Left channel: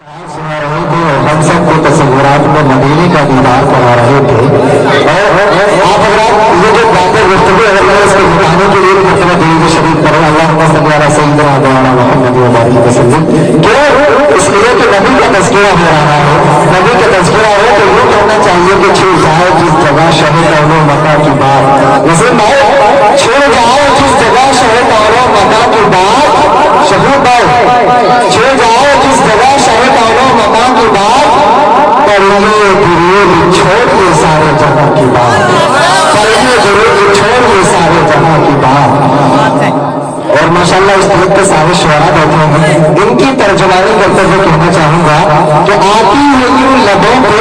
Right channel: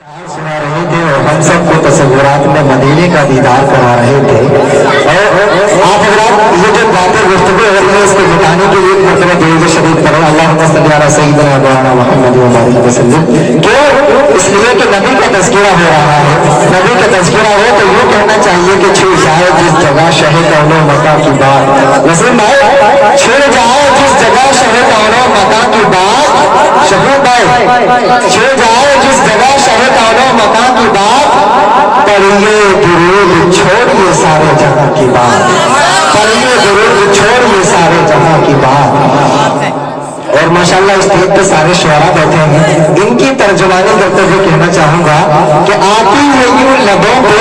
सुना रहे थे और हम सबको तस्वीरात में मदीने का दीदार करा रहे थे। और आप अगर ये जो बातें गुफ्तगू अगर मैं इसको बताने के लिए मतलब दुरूद शरीफ करो अल्लाहुम्मा सल्ली अला सय्यिदिना मौलाना मुहम्मद व बारिक वसल्लम, क्यों? इसलिए कि नबी का तज़किरा हो रहा है। नबी का तज़किरा हो तो यूँ कहना चाहिए कि छू जाए जिस जगह शहे कौनो मका की बात, वैसे भाई छू जाए जिस जगह शहे कौनो मका की बात, शहू भाई छू जाए जिस जगह शहे कौनो मका की बात, पढ़िए दुरूद छोड़िए सारे जहां की बात, पढ़िए दुरूद छोड़िए सारे जहां की बात। और माशाल्लाह इस गीत के सारे शुआरा बैठे हैं, इनकी तर्जुमानी करते हुए कहना चाहूंगा कि आती है यूं लबों पे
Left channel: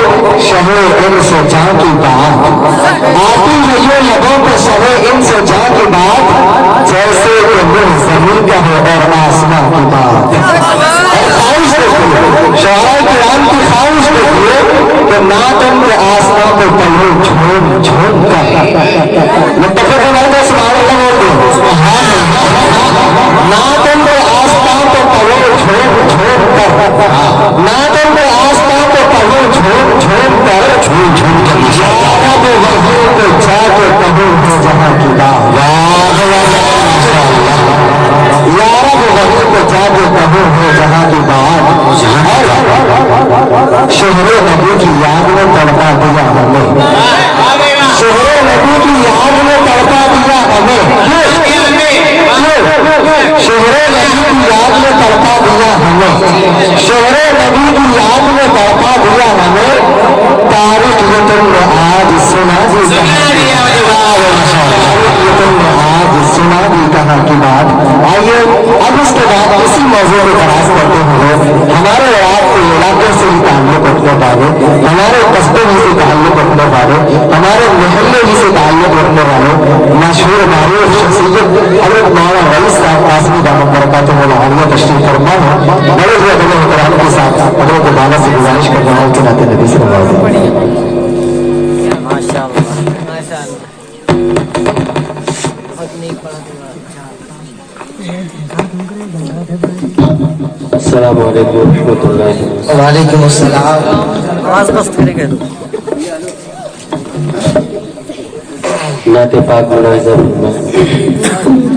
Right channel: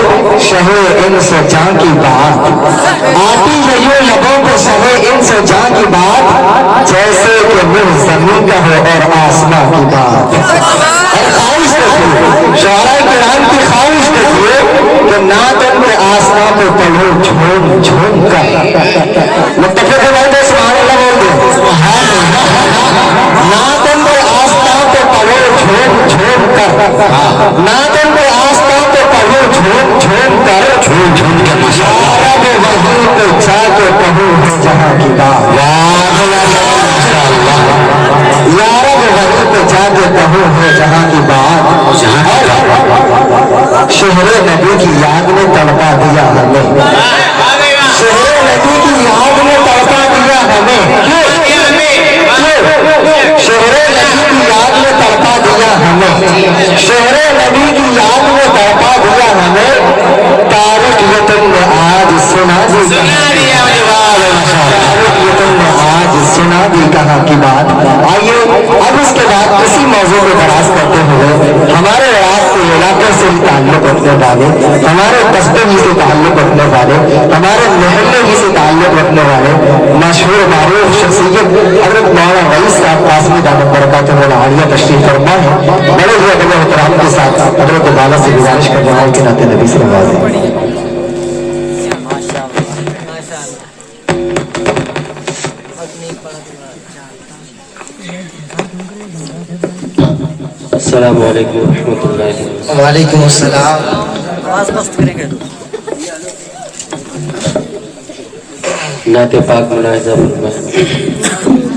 शहे इनसे जां की बात, आती है यूं लबों पे शहे इनसे जां की बात, जैसे कि मुझ जमीन का है और आसमां की बात। और ख्वाहिश देखिए, शुआरा किराम की ख्वाहिश देखिए कि नात उनके आसमां पे तलू झूम झूम कर मुत्तफ़िक़ नहीं तो सुभान अल्लाह बोल दो, नात उनके आसमां पे तलू झूम झूम कर, नात उनके आसमां पे तलू झूम झूम कर, झूम झूम कर यारा वो वहीं पे जाके कहूँ है जहाँ की बात, यारा वो वहीं पे जाके कहूँ है जहाँ की बात। शहरे नबी की याद में तड़पा दिया हमें, शहरे नबी की याद में तड़पा दिया हमें, शहरे नबी की याद में तड़पा दिया हमें, शहरे नबी की याद में तड़पा दिया हमें, तारीख ये तुमने आज सुना दी आज सुना दी कहाँ की बात। आइए अब इसके बाद इसी मौजूद में दराज करते हुए हमारे आपके इलाके से ही ताल्लुक रखने वाले, हमारे कस्बे ही से ताल्लुक रखने वाले, हमारे मोहल्ले ही से ताल्लुक रखने वाले मशहूर मारूफ शख्सियत हज़रत मौलाना रईस साहब कासमी दामद बरकातुहु आलिया तशरीफ फरमा है। बड़े ही अदब एहतराम के साथ हज़रत वाला से गुजारिश कर रहा हूं कि नाते नबी सल्लल्लाहु अलैहि वसल्लम। अस्सलामु अलैकुम रहमतुल्लाहि व वालेकुम अस्सलाम। नाते पाक मुलाहिजा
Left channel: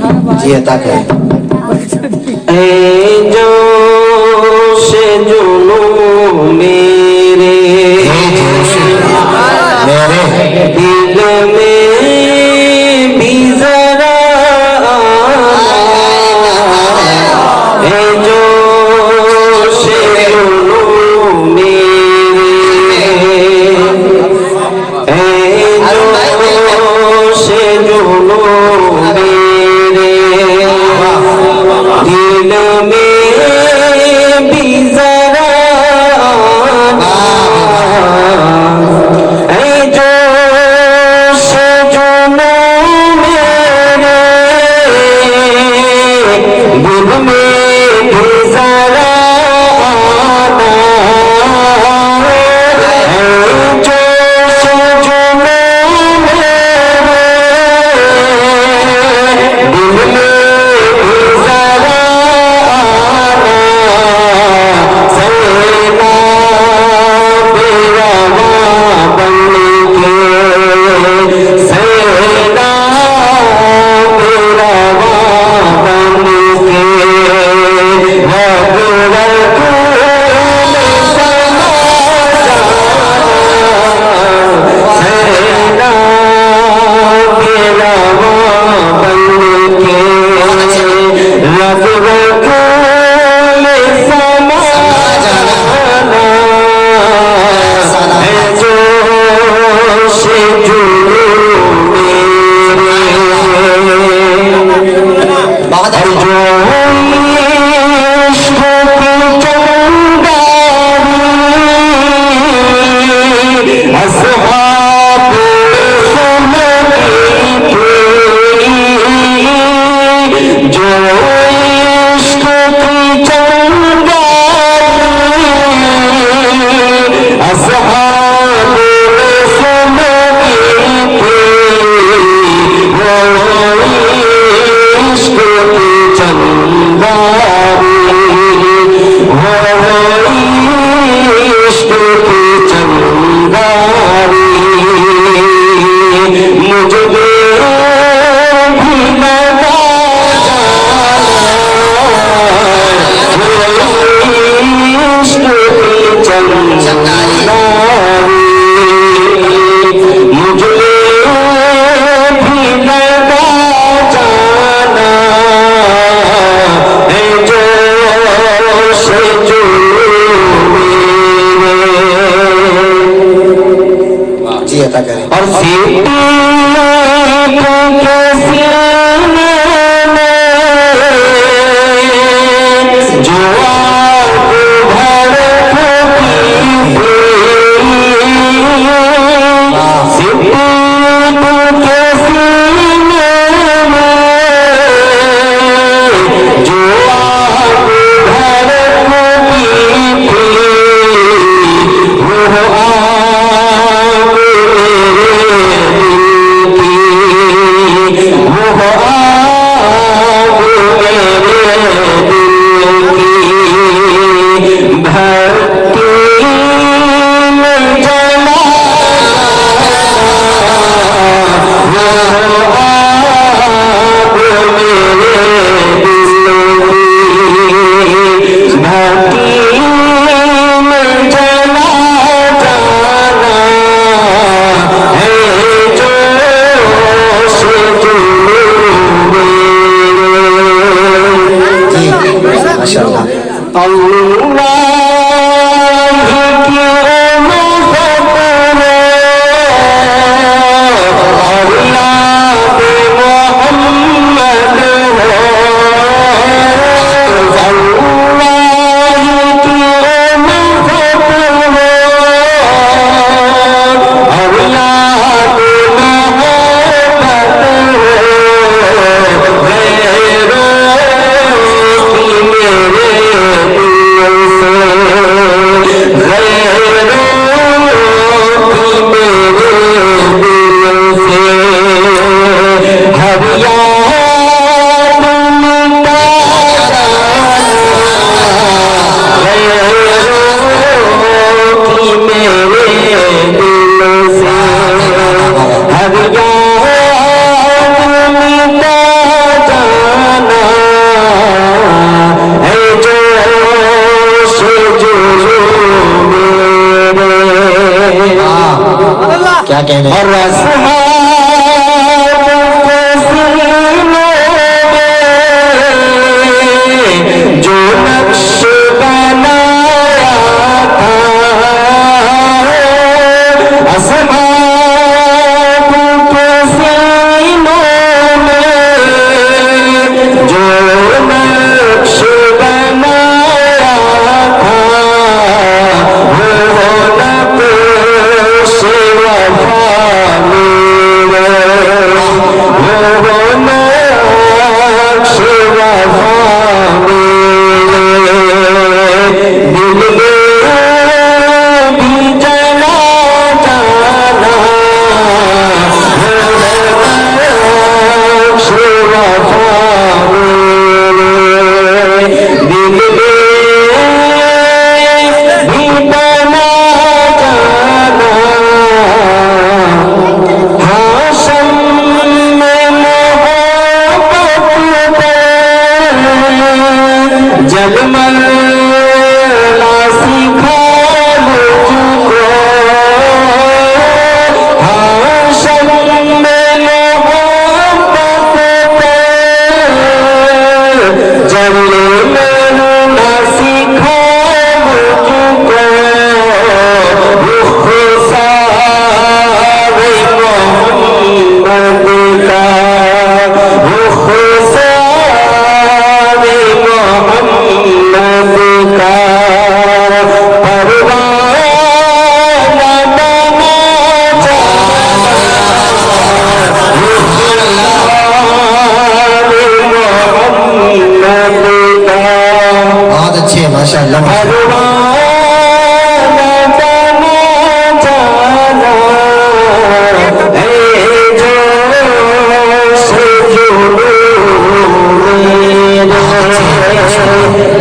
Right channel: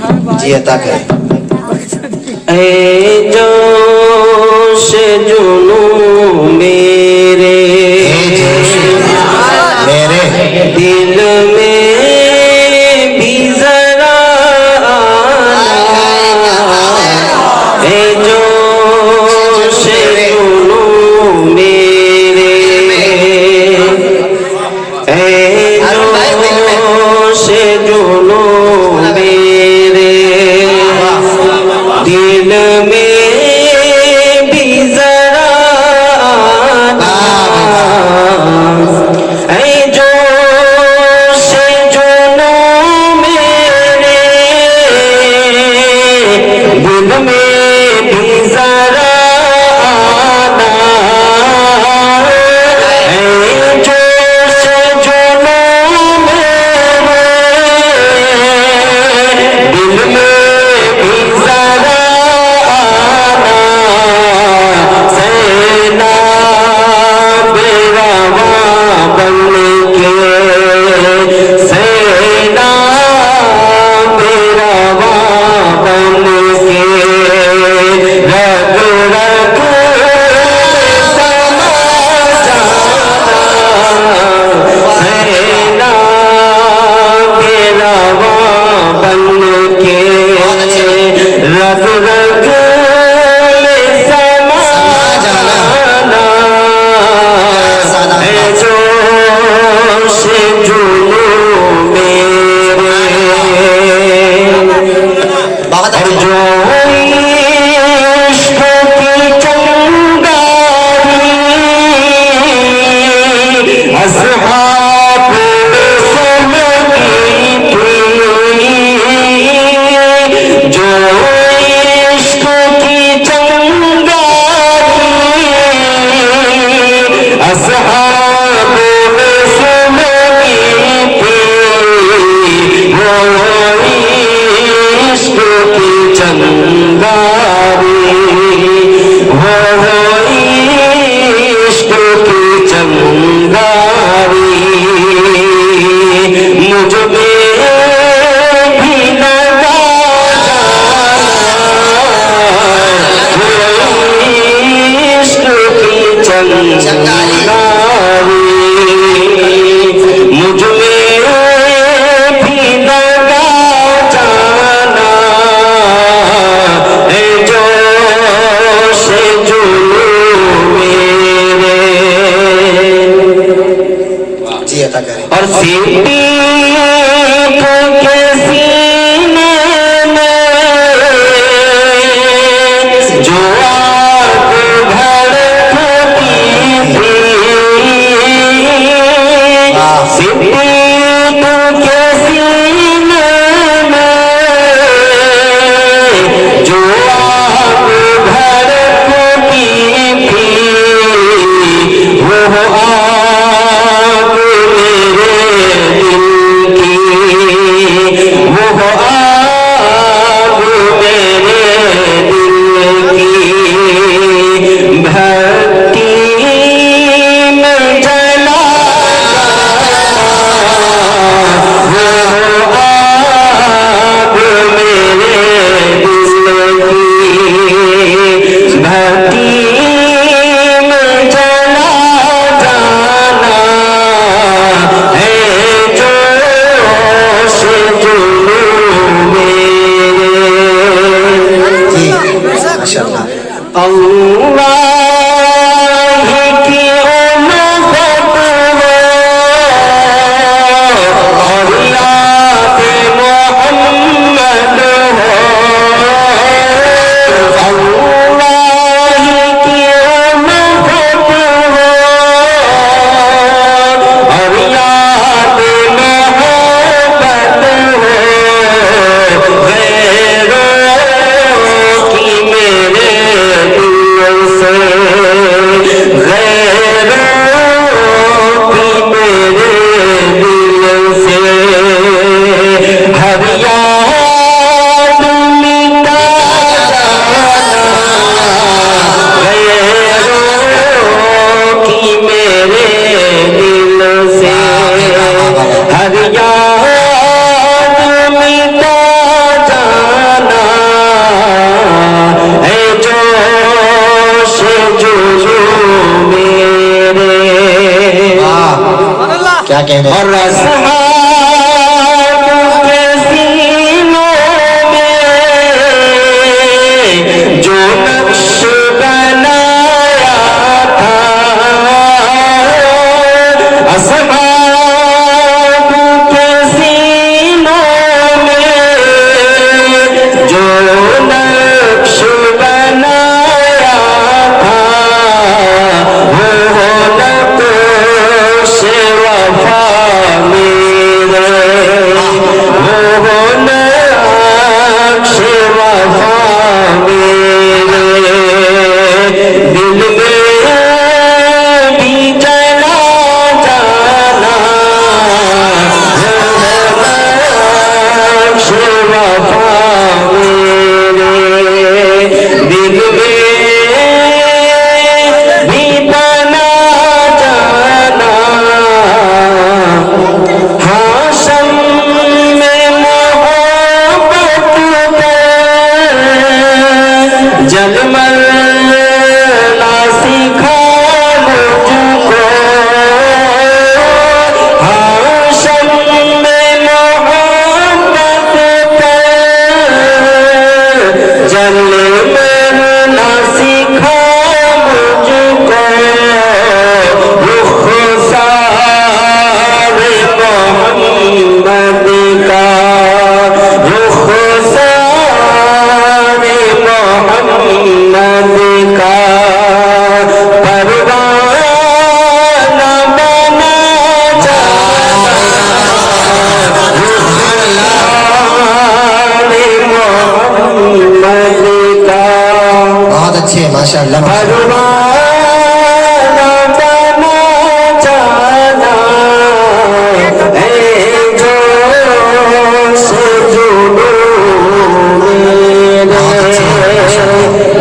फरमाएं जी अता करें। ऐ जोश जुनून मेरे दिल में भी जरा ऐ जोश जुनून मेरे, ऐ जोश जुनून मेरे दिल में भी जरा ऐ जोश जुनून मेरे दिल में भी जरा ऐ जोश जुनून मेरे दिल में भी जरा सेना बेरवा बन के, सेना बेरवा बन के रग रग समा जाना, सेना बेरवा बन के रग रग समा जाना, है जोश जुनून मेरे और जो इश्क की चंगारी असहाब सुनती थी, जो इश्क की चंगारी असहाब सुनती थी, वो इश्क की चंगारी, वो माशाअल्लाह। क्या कहते हैं? जो नक्श बनाया था असहाब के सीनों में, जो नक्श बनाया था वो नक्श वफा मेरे, वो नक्श वफा मेरे दिल में भी चला जाना, वो नक्श वफा मेरे दिल में भी बना जाना। हाशम में मोहब्बत जलमला सिखा मुझको, हाशम में मोहब्बत जलमला सिखा मुझको, रुखसार मोहम्मद का, रुखसार मोहम्मद का परवाना बना जाना, रुखसार मोहम्मद का। बहुत अच्छी है माशाअल्लाह। परवाना बना जाना है जो से जुनून मेरे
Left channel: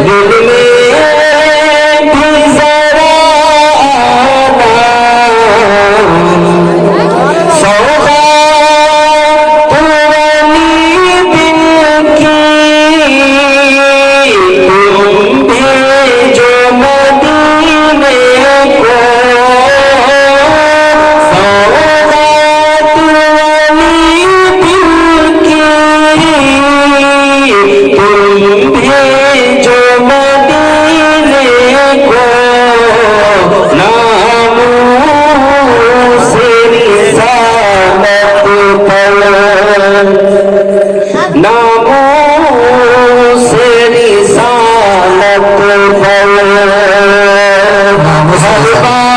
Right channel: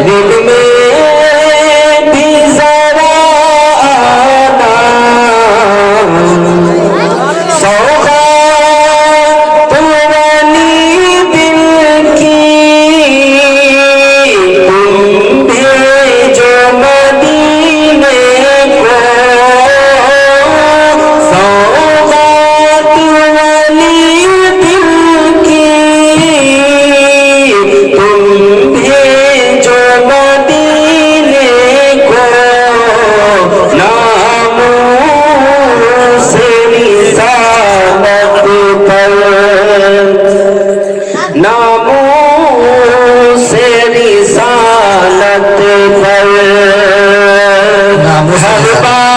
दिल में भी जरा आना, सौगात वाली दिल की तुम भेजो मदीने को, सौगात वाली दिल की तुम भेजो मदीने को, नामों से रिसालत पर, नामों से रिसालत पर, हर बार